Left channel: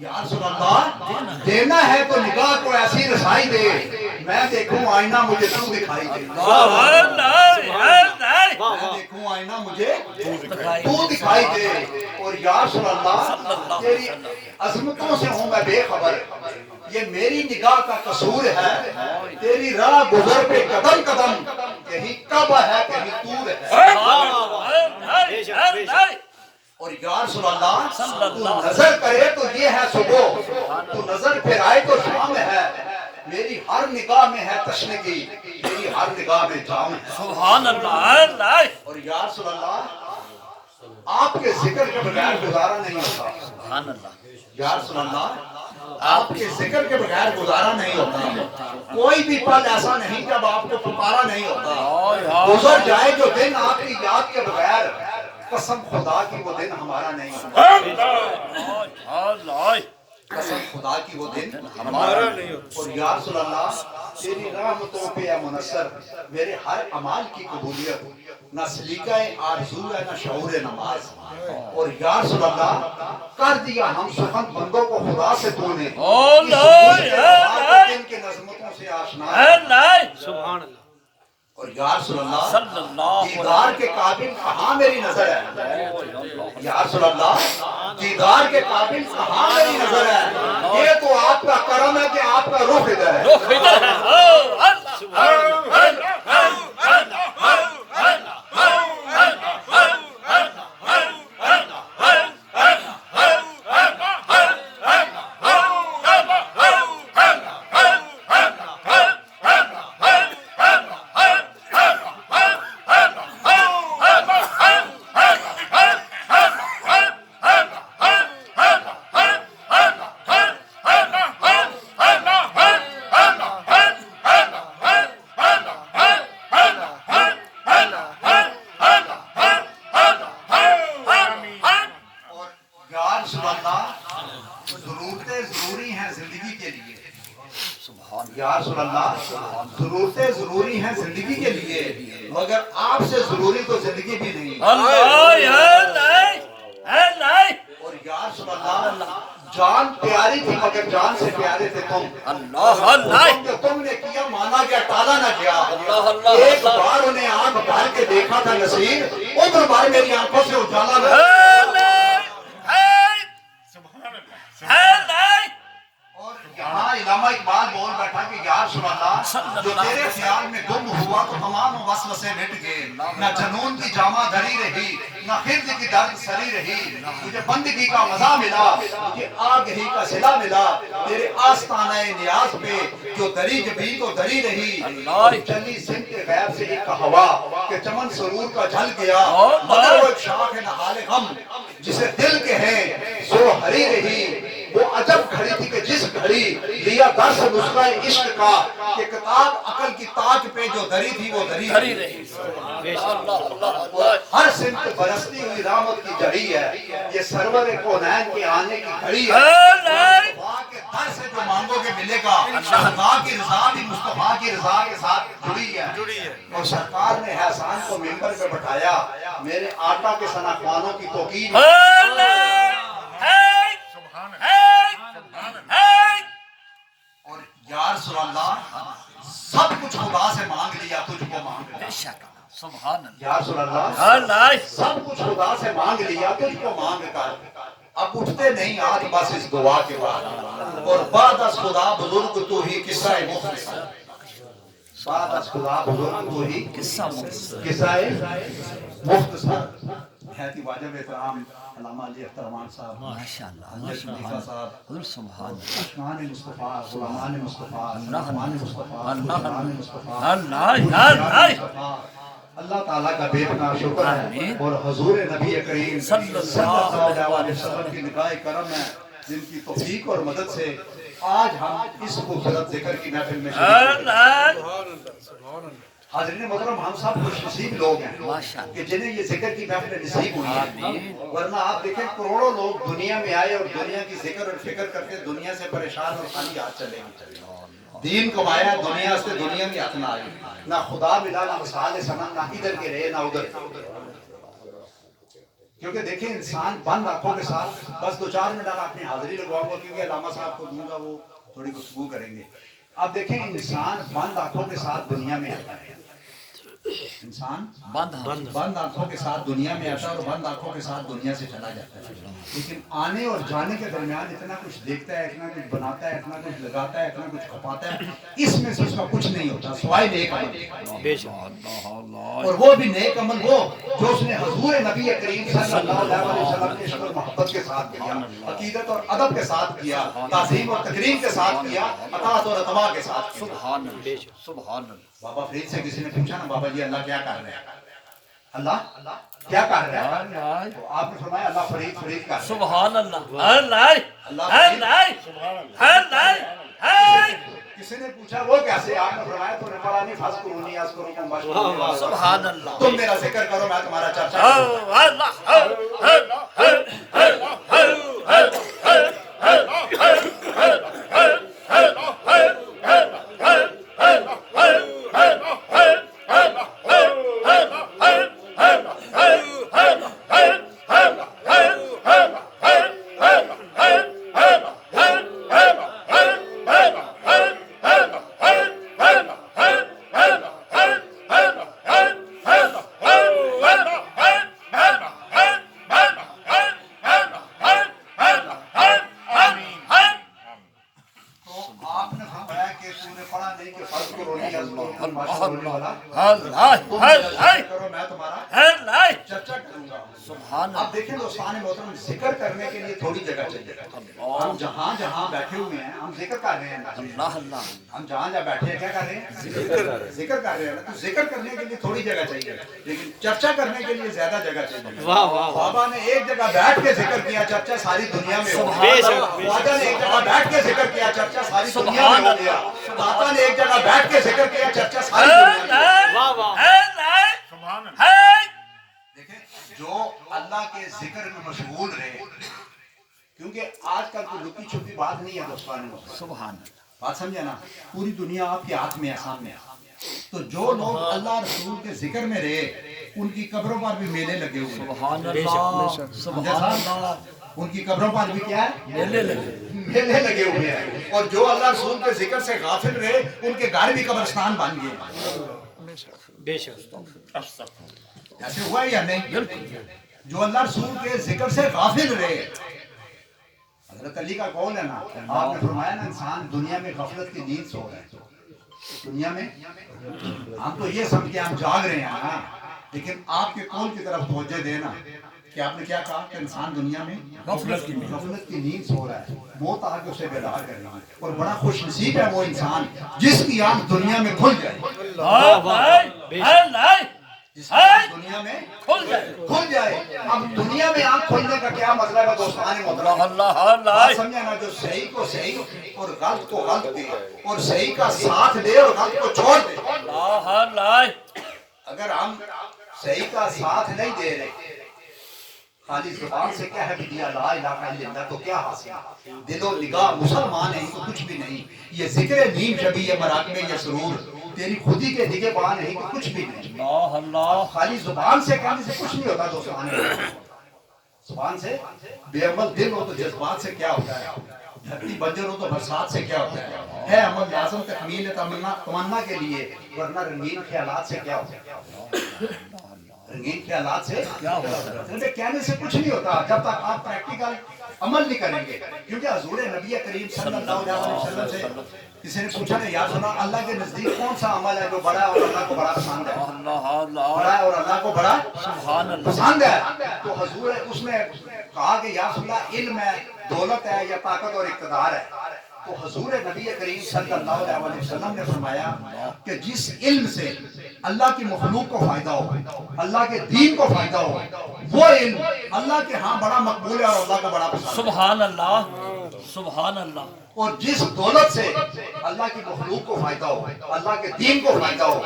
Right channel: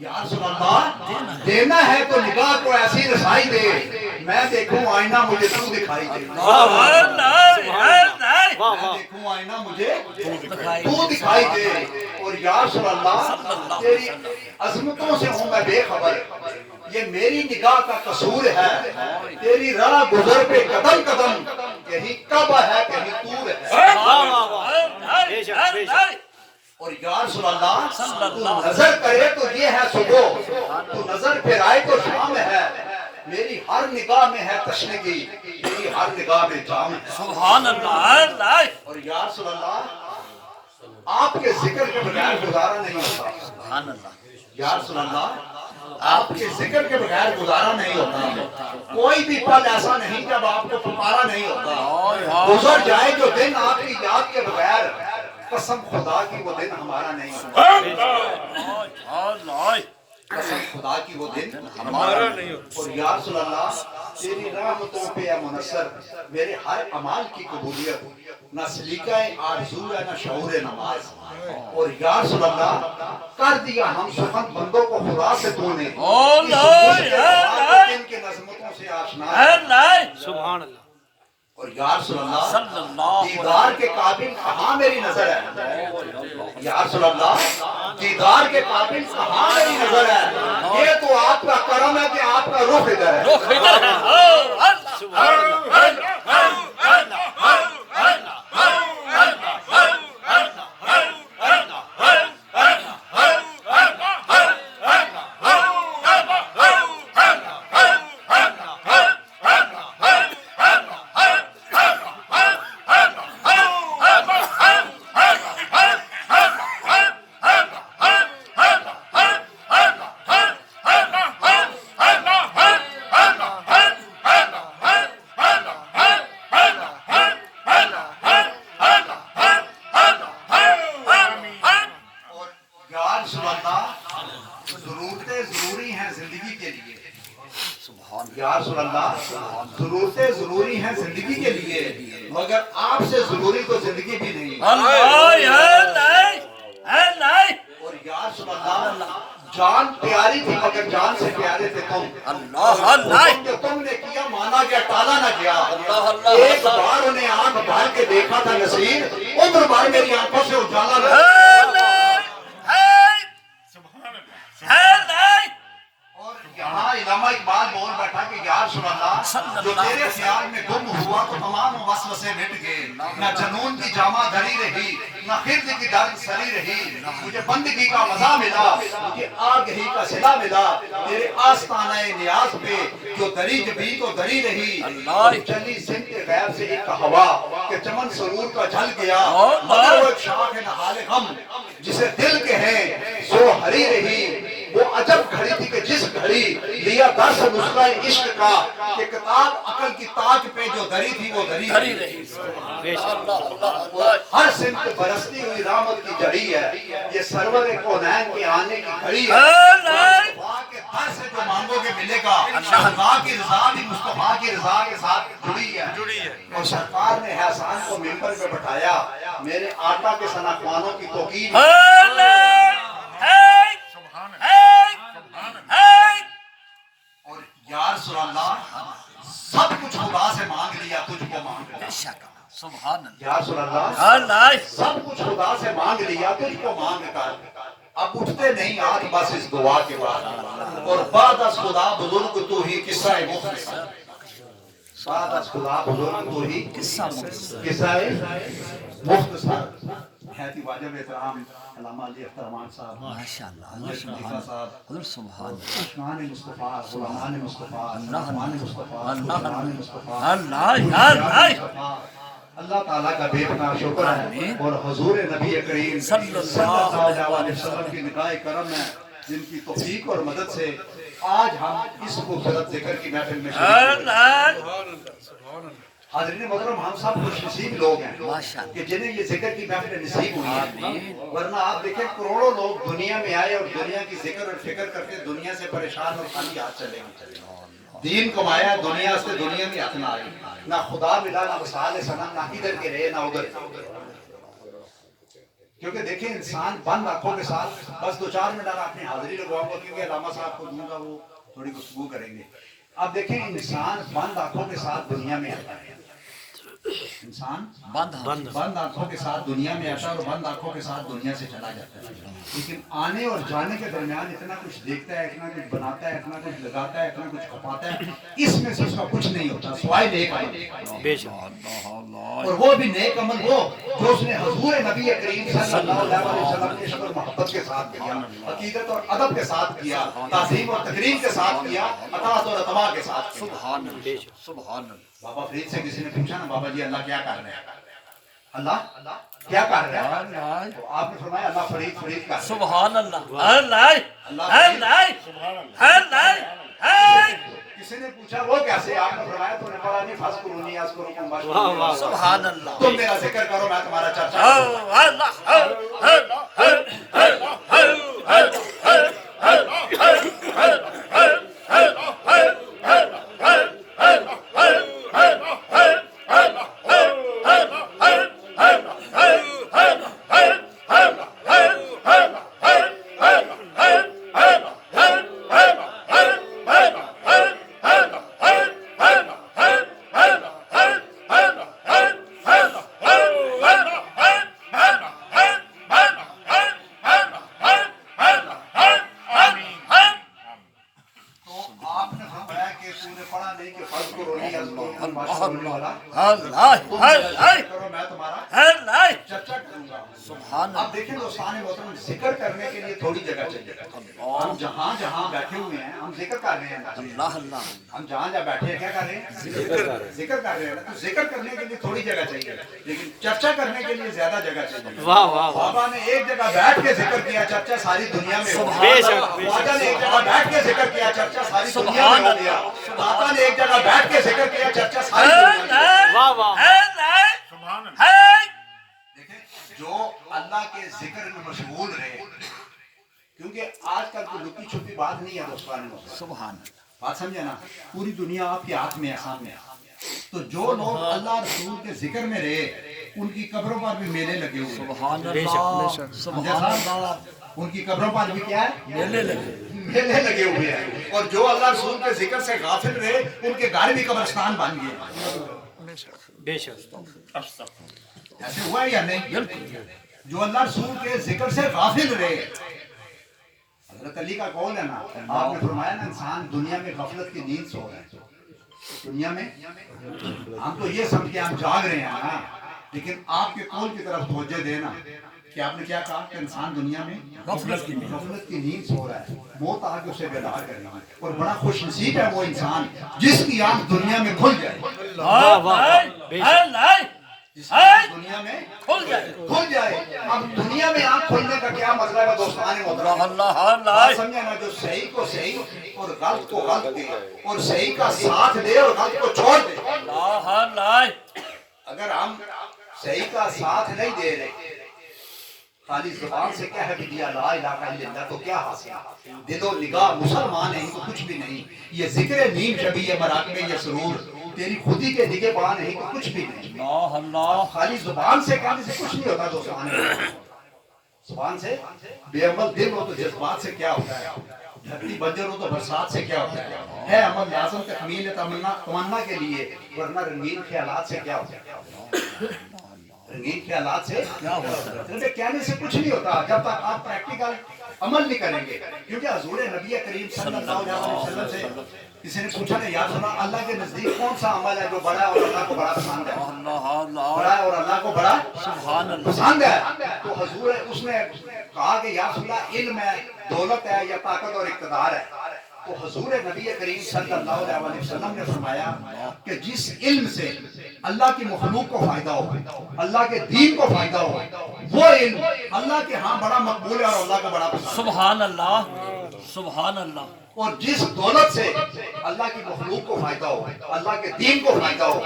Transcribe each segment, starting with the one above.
یا رسول اللہ دینا ہے تو نگاہ کو ایسی رسائی دے میں دیکھوں آئینہ مجھے تو دکھائی دے، میں دیکھوں آئینہ مجھے تو دکھائی دے۔ اور یا رسول اللہ تیری عظمتوں سے ہوں میں بے خبر، یہ میری نگاہ کا قصور ہے، تیری راہ گزر پہ قدم قدم کہیں کعبہ ہے کہیں طور ہے۔ اور یا رسول اللہ تو نظر کرے تو یہ ہے صبح، تو نظر پھرائے تو شام ہے، میری ہر نگاہ میں ہے تشنگی، میری ہر نگاہ میں جام ہے۔ سبحان اللہ۔ اور یا رسول اللہ آپ کے ذکر کے بغیر گزارا نہیں ہوتا، سبحان اللہ۔ یا رسول اللہ آپ کے ذکر کے بغیر گزارا نہیں ہوتا، کوئی بھی پل ایسا نہیں جب آپ کو پکارا نہیں ہوتا، گزر جائے جو دن آپ کی یاد کے بغیر قسم خدا کی وہ دن ہمارا نہیں ہوتا، قسم خدا کی وہ دن ہمارا نہیں ہوتا۔ اور یا رسول اللہ تیری رحمتوں پہ ہے منصر میرے ہر عمال کی قبولیت، نہ سلیقہ آرزو ہے نہ شعور نماز۔ اور یا رسول اللہ کر دیا ہم سخن بندوں کو خدا سے تو نے، ان کے نظمتوں سے آشنا۔ سبحان اللہ۔ اور یا رسول اللہ دیدار کے قابل کہاں میری نظر ہے، یا رسول اللہ دیدار کے قابل کہاں میری نظر ہے، یہ تو آپ کا کرم ہے کہ آپ کا رخ ادھر ہے۔ ضرورتیں ضروری ہیں زندگی کے لیے، یا رسول اللہ ضرورتیں ضروری ہیں زندگی کے لیے، مگر آپ سے ضروری تو زندگی بھی نہیں۔ اور یا رسول اللہ جان پیاری تھی مگر جان سے پیارے تھے تم، جو تم نے کیا مانا گیا ٹالا نہ گیا۔ ایک بار انہیں آنکھ بھر کے دیکھا تھا نصیر، عمر بھر میری آنکھوں سے اجالا نہ گیا۔ اور یہاں علامہ اقبال بول بیٹھا کہ یا رسول اللہ جو تیرے خیال میں گم ہوا تو تمام وسوسے مٹ گئے، نہ جنون کی جامہ دھری رہی نہ خرد کی درد سری رہی، مجھے بندگی کا مزہ ملا مجھے آگہی کا صلہ ملا، تیرے آستانہ نیاز پہ جو دری جبی تو دری رہی، چلی سمت غیب سے ایک ہوا کہ چمن سرور کا جھل گیا، مگر وہ ایک شاخ ہے نہال غم جسے دل کے ہیں سو ہری رہی، وہ عجب گھڑی تھی کہ جس گھڑی لیا درس نسخہ عشق کا، کہ کتاب عقل کی تاج پہ جو دری تھی وہ دری رہی، ہر سمت برستی ہوئی رحمت کی جڑی ہے، یہ سرور کونین کے آنے کی گھڑی ہے، مصطفیٰ کے در سے جو مانگو گے ملے گا، خدا کی رضا بھی مصطفیٰ کی رضا کے ساتھ جڑی ہے۔ اور سرکار نے احسان کو ممبر پہ بٹھایا، میرے آقا کے ثنا خوانوں کی توقیر، اور یا رسول اللہ سب کچھ خدا سے مانگ لیا تجھ کو مانگ لیا، یا رسول اللہ سب کچھ خدا سے مانگ لیا تجھ کو مانگ کر، اب اٹھتے نہیں آج بس اس دعا کے بعد، اور بعد از خدا بزرگ تو ہی قصہ مختصر، بعد از خدا بزرگ تو ہی قصہ مختصر ہے کہ واجب احترام علامہ علی اخترمان صاحب، حضرت خلیفہ صاحب، اشنان مصطفیٰ، غلامان مصطفیٰ، رحمان مصطفیٰ، غلامان مصطفیٰ، اللہ تعالیٰ کا بے پناہ شکر ہے، اور حضور نبی کریم صلی اللہ علیہ وسلم کی نگاہ کرم ہے جن کی توفیق اور مدد سے آج ہم اس خوبصورت ذکر کی محفل میں شریک ہوئے۔ حاضرین محترم ہم سب خوش نصیب لوگ ہیں کہ جنہیں یہ ذکر کی محفل نصیب ہوئی ہے، ورنہ آپ دیکھیں کروڑوں لوگ دنیا میں آئے اور دنیا کی ذکر اور فکر کرتے دنیا سے پریشان اور خالی ہاتھ چلے گئے، دین کمایا دنیا سے دنیا میں ہاتھ نہ آئی، نہ خدا ملا نہ وصال صنم، نہ ادھر کے رہے نہ ادھر کے، کیونکہ دیکھیں انسان بند آنکھوں کے ساتھ بس 2-4 منٹ اپنی حاضری لگواؤں گا کیونکہ علامہ صاحب کو دوں گا وہ تھوڑی گفتگو کریں گے. اب دیکھیں انسان بند آنکھوں کے ساتھ دنیا میں آتا ہے. انسان بند آنکھوں کے ساتھ دنیا میں آتا ہے اور بند آنکھوں کے ساتھ دنیا سے چلا جاتا ہے. لیکن آنے اور جانے کے درمیان اتنا کچھ دیکھتا ہے, اتنا کچھ بناتا ہے, اتنا کچھ لگاتا ہے, اتنا کچھ کھپاتا ہے, اس میں سے اس کا کچھ نہیں ہوتا سوائے نیک عمل. اور وہ بھی نیک عمل وہ جو اس نے حضور نبی کریم صلی اللہ علیہ وسلم کے شکر محبت کے ساتھ کیا, عقیدت اور ادب کے ساتھ کیا, تعظیم اور تکریم کے ساتھ کیا, اطاعت اور اتباع کے ساتھ کیا. سبحان اللہ. بابا فرید سے کسی نے پوچھا نا, بابا جی اللہ کیا کر رہے ہیں, اللہ کیا کر رہے ہیں, تو آپ نے فرمایا اللہ فرید فرید کر رہے ہیں. سبحان اللہ. اللہ کسی نے پوچھا وہ کیسے, آپ نے فرمایا تو نے قرآن فاذکرونی اذکرکم واشکروا. سبحان اللہ. تم میرا ذکر کرو میں تمہارا چرچا چرچا کروں گا. اب دیکھیں دوستان محترم, ذکر کرنے کے لیے تھوڑی جگہ چاہیے. ہم جہاں جہاں بیٹھے ہوئے ہیں ہم ذکر کر رہے ہیں. ہم جہاں جہاں بیٹھے ہیں کیا کر رہے ہیں, ذکر کر رہے ہیں. تو ذکر کرنے کے لیے تھوڑی جگہ چاہیے, لیکن چرچا کرنے کے لیے زیادہ جگہ چاہیے. بابا نے ایک جگہ بیٹھ کے ذکر کیا, چرچا ساری دنیا میں ہو گیا. خواجہ نے ایک جگہ بیٹھ کے ذکر کیا, چرچا ساری دنیا میں ہو گیا. داتا نے ایک جگہ بیٹھ کے ذکر کیا, چرچا ساری دنیا میں. دیکھیں جو اللہ کے ذکر میں مشغول رہے, کیونکہ آج کل کوئی لکی چھپی بات نہیں ہے دوستان. سبحان بات سمجھے نا, پوری دنیا آپ کے ہاتھ میں ہے, سامنے. تو جو لوگ اللہ رسول کے ذکر میں رہے ان کی قبروں پر بھی میلے لگے ہوئے. سبحان اللہ. سبحان اللہ. ان کی قبروں پر بھی کیا ہے, میلے لگے لگے ہوئے ہیں. اور جو اللہ رسول کے ذکر سے غافل رہے ان کے گھر بھی قبرستان بن گئے. بے شک. ایسے ہوا یا نہیں؟ جو اللہ رسول کے ذکر سے غافل رہے. حضرت علی کا قول ہے نا, آپ نے فرمایا نا انسان دنیا میں غفلت کی نیند سو رہے ہیں. دنیا میں ہم تو یہ سمجھ کے ہم جاگ رہے ہیں نا, لیکن آپ کے قول کی طرف توجہ دینا کہ آپ نے کیا کہا کہ انسان دنیا میں غفلت کی نیند سو رہا ہے. موت آ کے اسے بیدار کرے گی, اور بڑا خوش نصیب ہے وہ انسان جس کی آنکھ دنیا میں کھل جائے. دنیا میں کھل جائے. اب دنیا میں آنکھ کھلنے کا کیا مطلب ہے دوستان محترم, سمجھا نا, جو صحیح کو صحیح اور غلط کو غلط دے, اور صحیح کا ساتھ دے اور غلط کو چھوڑ دے. اگر ہم صحیح کا ساتھ نہیں دے رہے, خالی زبان سے کیا ہے کہ لا الہ الا اللہ, تو کیا حاصل, دل و نگاہ مسلمان ہیں تو کچھ بھی نہیں. یہ ذکر نیم شبی یہ مراقبے یہ سرور تیری خودی کے نگے بان نہیں تو کچھ بھی نہیں. خالی زبان سے کہنے سے کچھ نہیں ہوتا دوستان. زبان سے بے عمل دل ہو تو جذبات سے کیا ہوتا ہے, دھرتی بنجر ہو تو برسات سے کیا ہوتا ہے عمل لازم تکمیل تمنا کے لیے, ورنہ رنگین خیالات سے کیا ہوتا ہے. رنگین خیالات سے کہنے سے کچھ نہیں ہوتا جب تک آپ پریکٹیکل عمل نہیں کریں گے. کیونکہ حضور نبی کریم صلی اللہ علیہ وسلم سے کسی نے پوچھا کہ یا سنا اللہ کے نزدیک کون سا عمل ہے جو بڑا ہے اور اللہ کو بڑا پسند ہے, بڑا ہے اور اللہ کو بڑا پسند ہے. تو حضور اس نے کہا کہ یا سنا علم ہے, دولت ہے, یا طاقت اور اقتدار ہے. تو حضور نبی کریم صلی اللہ علیہ وسلم نے فرمایا کہ جس علم سے اللہ کی مخلوق کو فائدہ ہو, اللہ کے دین کو فائدہ ہو, وہ علم اللہ کے ہاں بڑا مقبول ہے اور اللہ کو بڑا پسند ہے. سبحان اللہ. سبحان اللہ. اور جس دولت سے اللہ کی مخلوق کو فائدہ ہو, اللہ کے دین کو فائدہ ہو,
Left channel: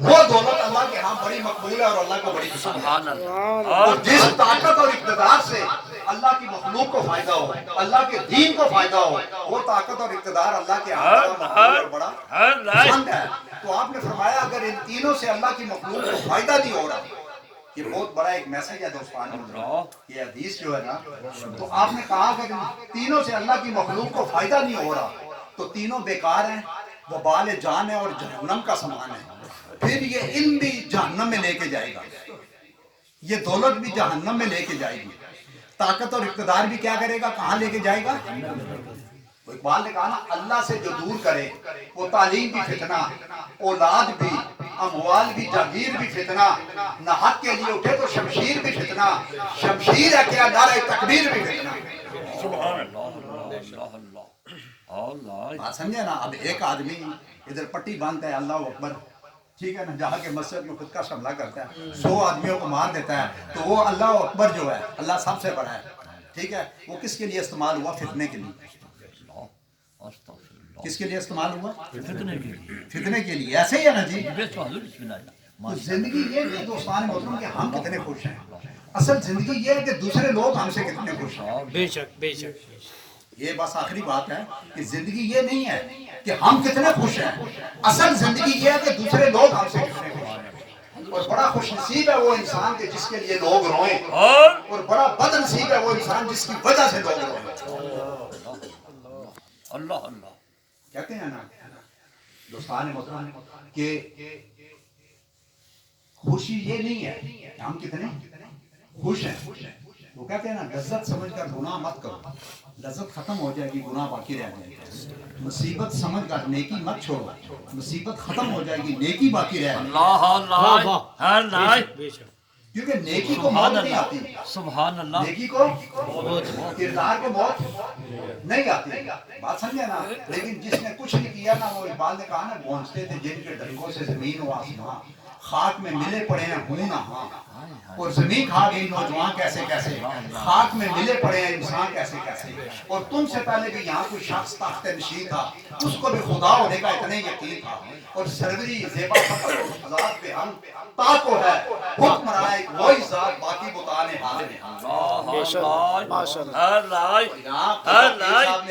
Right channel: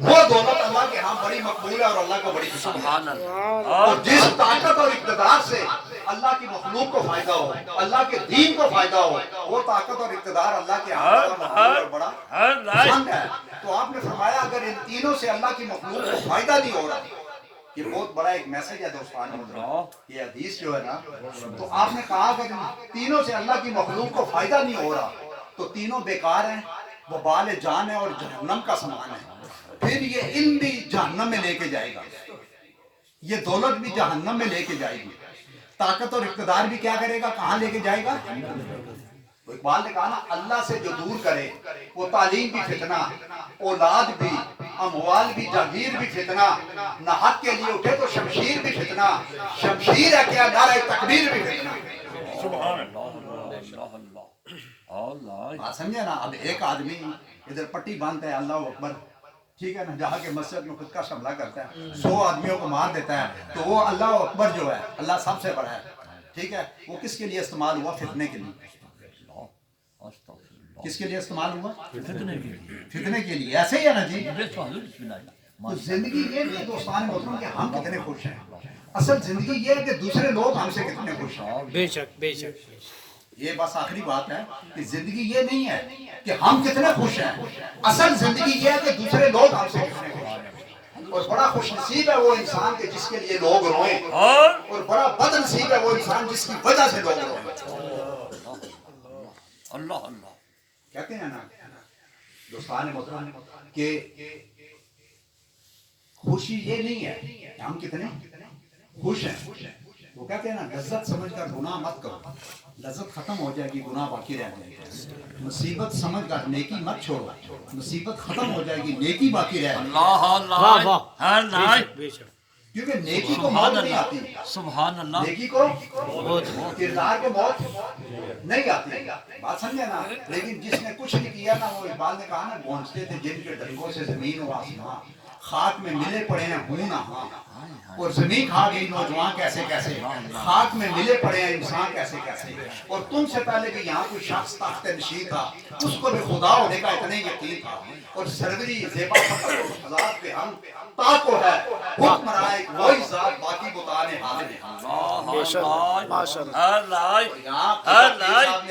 وہ دولت اللہ کے ہاں بڑی مقبول ہے اور اللہ کو بڑی پسند ہے. اور جس طاقت اور اقتدار سے اللہ کی مخلوق کو فائدہ ہو, اللہ کے دین کو فائدہ ہو, وہ طاقت اور اقتدار اللہ کے ہاں بڑا مقبول اور بڑا پسند ہے. تو آپ نے فرمایا اگر ان تینوں سے اللہ کی مخلوق کو فائدہ نہیں ہو رہا, یہ بہت بڑا ایک میسج ہے دوستان محترم، یہ حدیث جو ہے نا، تو آپ نے کہا کہ تینوں سے اللہ کی مخلوق کو فائدہ نہیں ہو رہا تو تینوں بیکار ہیں، وبال جان ہے اور جہنم کا سامان ہے، پھر یہ علم بھی جہنم میں لے کے جائے گا، یہ دولت بھی جہنم میں لے کے جائے گی، طاقت اور اقتدار بھی کیا کرے گا، کہاں لے کے جائے گا؟ اقبال نے کہا نا، اللہ سے جو دور کرے وہ تعلیم بھی فتنہ، اولاد بھی، اموال بھی، جاگیر بھی فتنہ، نہ حق کے لیے اٹھے تو شمشیر بھی فتنہ، شمشیر ہے کیا نعرہ تکبیر بھی فتنہ۔ سبحان اللہ اللہ بات سمجھے نا؟ اب ایک آدمی ادھر پٹی باندھتا ہے اللہ اکبر، ٹھیک ہے نا، جہاں کے مسجد میں خود کا حملہ کرتا ہے، 100 آدمیوں کو مار دیتا ہے، تو وہ اللہ اکبر جو ہے اللہ سب سے بڑا ہے، ٹھیک ہے، وہ کس کے لیے استعمال ہوا؟ فتنے کے لیے۔ کس کے لیے استعمال ہوا؟ فتنے کے لیے۔ ایسے ہی ہے نا جی، تو زندگی یہ نہیں ہے دوستان محترم کہ ہم کتنے خوش ہیں، اصل زندگی یہ ہے کہ دوسرے لوگ ہم سے کتنے خوش ہیں۔ بے شک بے شک، یہ بس آخری بات ہے کہ زندگی یہ نہیں ہے کہ ہم کتنے خوش ہیں، اصل زندگی یہ ہے کہ دوسرے لوگ ہم سے کتنے خوش ہیں۔ اور بڑا خوش نصیب ہے وہ انسان کے جس کے لیے لوگ روئیں، اور بڑا بد نصیب ہے وہ انسان جس کی وجہ سے لوگ روئیں۔ اللہ اللہ کہتے ہیں نا دوستان محترم کہ خوشی یہ نہیں ہے کہ ہم کتنے خوش ہیں، وہ کہتے ہیں نا لذت سمجھ کر گناہ مت کرو، لذت ختم ہو جائے گی، گناہ باقی رہ جائے گا، مصیبت سمجھ کر نیکی مت چھوڑو، مصیبت ختم ہو جائے گی، نیکی باقی رہ جائے گی، اللہ بے شک، کیونکہ نیکی کو موت نہیں آتی، سبحان اللہ، نیکی کو کردار کو موت نہیں آتی، بات سمجھے نا؟ لیکن جس نے کچھ نہیں کیا نا، وہ اقبال نے کہا نا، گونجتے تھے جن کے ڈنکوں سے زمین و آسمان، خاک میں ملے پڑے ہیں ہوں نہ ہاں، اور زمین کھا گئی نوجوان کیسے کیسے، خاک میں ملے پڑے ہیں انسان کیسے کیسے، اور تم سے پہلے کہ یہاں کوئی شخص تخت نشین تھا، اس کو بھی خدا ہونے کا اتنا یقین تھا، اور سروری زیبا فخر اس ذات پہ ہم تاکو ہے، حکم رہا ہے وہی ذات، باقی بتانے حال میں نے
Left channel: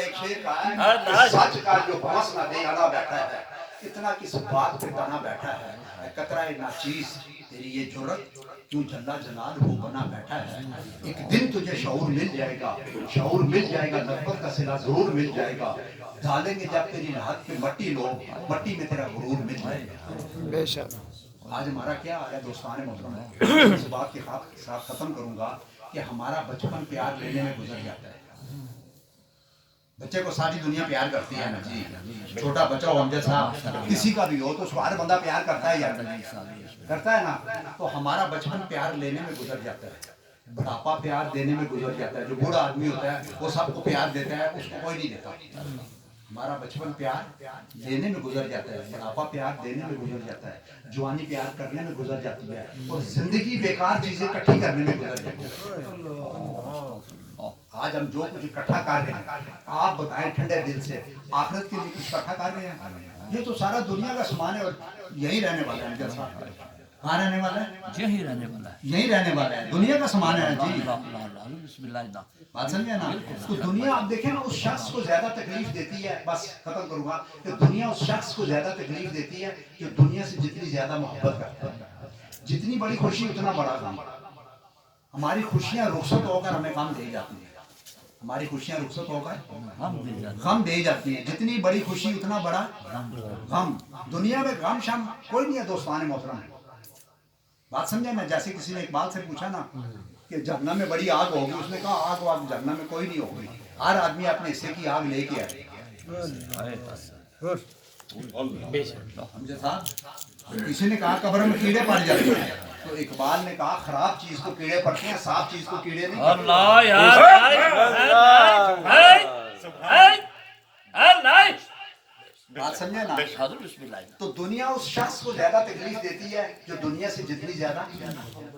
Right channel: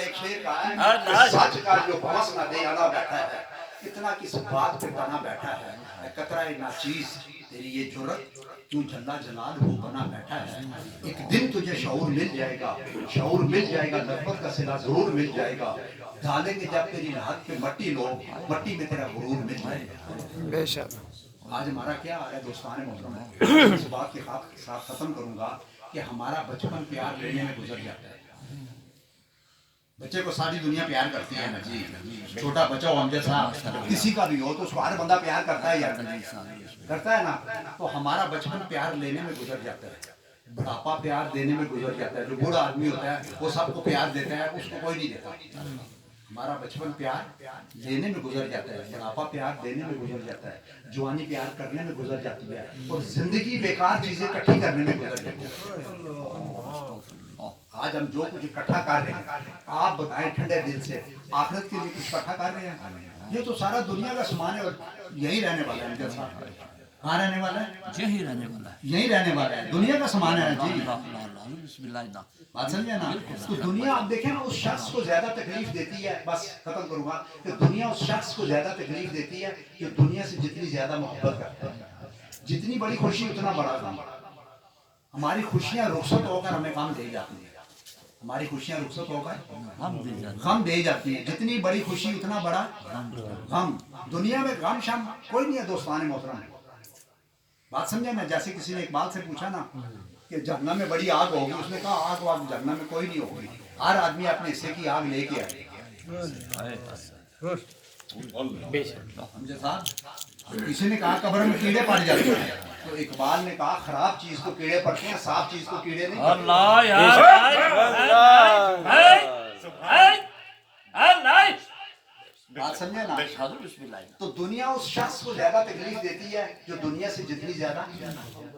ایک شعر کہا ہے، سچ کا جو بھنس نہ دے انا بیٹھا ہے، اتنا کس بات پہ بنا بیٹھا ہے، قطرہ ناچیز تیری یہ جرت کیوں جلا جلال ہو بنا بیٹھا ہے، ایک دن تجھے شعور مل جائے گا، شعور مل جائے گا، نسبت کا صلہ ضرور مل جائے گا، ڈالیں گے جب تیری ہاتھ پہ مٹی لوگ، مٹی میں تیرا غرور مل جائے گا۔ بے شک آج ہمارا کیا حال ہے دوستان محترم ہے، اس بات کے ساتھ ختم کروں گا کہ ہمارا بچپن پیار لینے میں گزر جاتا ہے، بچے کو ساری دنیا پیار کرتی ہے نا جی، چھوٹا بچہ ہو ہم جیسا کسی کا بھی ہو تو اس کو ہر بندہ پیار کرتا ہے یا کرتا ہے نا، تو ہمارا بچپن پیار لینے میں گزر جاتا ہے، بڑھاپا پیار دینے میں گزر جاتا ہے، جو بوڑھا آدمی ہوتا ہے وہ سب کو پیار دیتا ہے، اس کو کوئی نہیں دیتا، ہمارا بچپن پیار لینے میں گزر جاتا ہے، بڑھاپا پیار دینے میں گزر جاتا ہے، جوانی پیار کرنے میں گزر جاتی ہے، اور زندگی بیکار چیزیں اکٹھی کرنے میں گزر جاتی ہے۔ آج ہم جو کچھ اکٹھا کر رہے ہیں، آپ بتائیں ٹھنڈے دل سے، آخرت کے لیے کچھ اکٹھا کر رہے ہیں؟ یہ تو سارا دنیا کا سامان ہے اور یہی رہنے والا ہے، جیسا کہاں رہنے والا ہے؟ یہی رہنے والا ہے، یہی رہنے والا ہے، دنیا کا سامان ہے جی، بسم اللہ اللہ، بات سمجھے نا؟ تو دنیا آپ دیکھیں نا، اس شخص کو زیادہ تکلیف دیتی ہے، بس ختم کروں گا کہ دنیا اس شخص کو زیادہ تکلیف دیتی ہے جو دنیا سے جتنی زیادہ محبت کرتا ہے، جتنی بڑی خوشی اتنا بڑا غم، ہماری خوشیاں رخصت ہو کر ہمیں غم دے جاتی ہیں، ہماری خوشیاں رخصت ہو کر غم دے جاتی ہیں، جتنی بڑی خوشی اتنا بڑا غم، دنیا میں غم شم کوئی نہیں ہے دوستان محترم، بات سمجھے نا؟ جیسے کسی نے اقبال سے پوچھا نا کہ جہنم میں بڑی آگ ہوگی، اس نے کہا آگ واگ جہنم میں کوئی نہیں ہوگی، ہر آدمی اپنے حصے کی آگ لے کے آئے، سمجھے صاحب؟ کسی نے کہا قبر میں کیڑے پڑ جاتے ہیں، تو اقبال نے کہا خراب چیز کو کیڑے پڑتے ہیں، صاف چیز کو کیڑے نہیں پڑتے۔ اللہ یار بات سمجھے نا؟ بسم اللہ، تو دنیا اس شخص کو زیادہ تکلیف دیتی ہے جو دنیا سے جتنی زیادہ،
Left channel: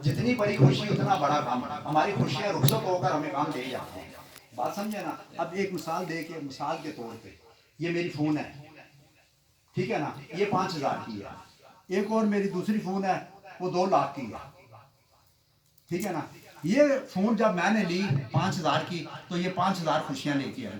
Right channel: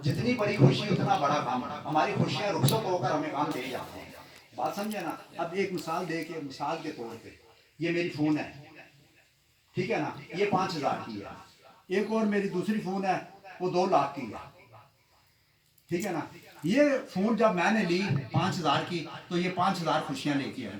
جتنی بڑی خوشی اتنا بڑا غم، ہماری خوشیاں رخصت ہو کر ہمیں غم دے جاتی ہیں، بات سمجھے نا؟ اب ایک مثال دے کے، مثال کے طور پہ یہ میری فون ہے، ٹھیک ہے نا، یہ 5,000 کی ہے، ایک اور میری دوسری فون ہے وہ 2 لاکھ کی ہے، ٹھیک ہے نا؟ یہ فون جب میں نے لی 5,000 کی تو یہ 5,000 خوشیاں لے کے آئی،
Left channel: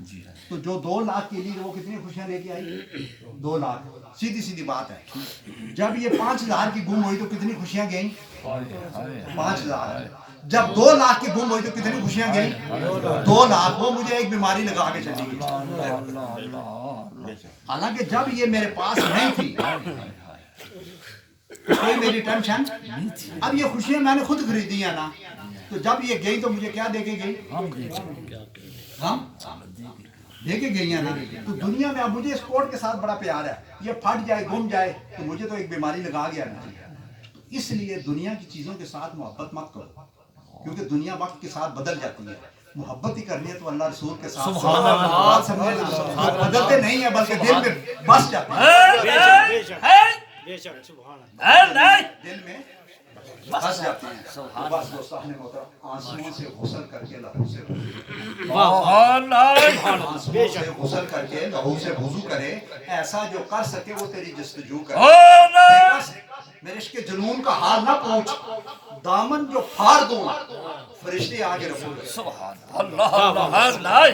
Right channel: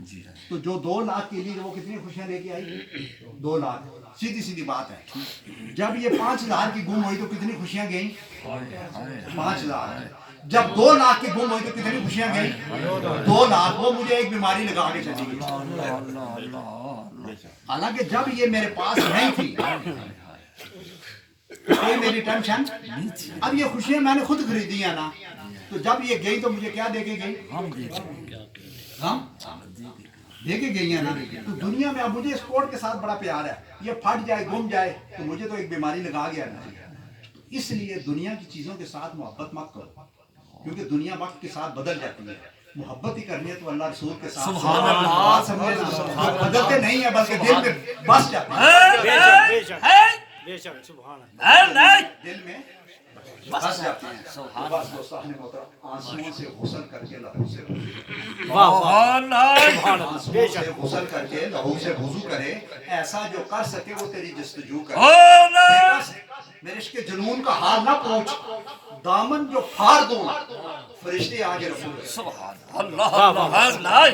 جی تو جو 2 لاکھ کے لیے وہ کتنی خوشیاں لے کے آئی؟ 2 لاکھ. سیدھی سیدھی بات ہے. جب یہ 5,000 کی گم ہوئی تو کتنی خوشیاں گئیں؟ 5,000. جب 2 لاکھ کی گم ہوئی تو کتنی خوشیاں گئیں؟ 2 لاکھ. وہ مجھے ایک بیماری لگا کے چلی گئی. حالانکہ جب یہ میرے پاس نہیں تھی کوئی میری ٹینشن. اب یہ خوشیاں میں نے خود خریدی ہیں نا, تو جب یہ گئی تو مجھے کیا دے کے گئی؟ ہم دے کے گئی ہیں نا. تو دنیا میں اب مجھے اس کوٹ کے ساتھ بڑا پیار ہے. یہ پھٹ جائے گم جائے تو مجھے تو ایک بیماری لگا گیا نا. تو اس لیے دنیا کی چیزوں کے ساتھ محبت مت کرو, کیونکہ دنیا وقت کے ساتھ بدل جاتی ہے. محبت ہی کرنی ہے تو اللہ رسول کے ساتھ بات سمجھے نا, جو بدلتے نہیں ہیں بلکہ دل میں بس جاتے ہیں, دل میں بس جاتے ہیں. بس دوستان محترم, آنسوؤں سے غسل کر کے لہو سے آنسوؤں سے غسل کر کے لہو سے وضو کرے. ایسا جو کر سکے وہ تیری جستجو کرے. میرے عشق جنون کا حال نہ پوچھ, دامن جو پھاڑ دوں فرشتے آگے رکھوں گے. سبحان اللہ.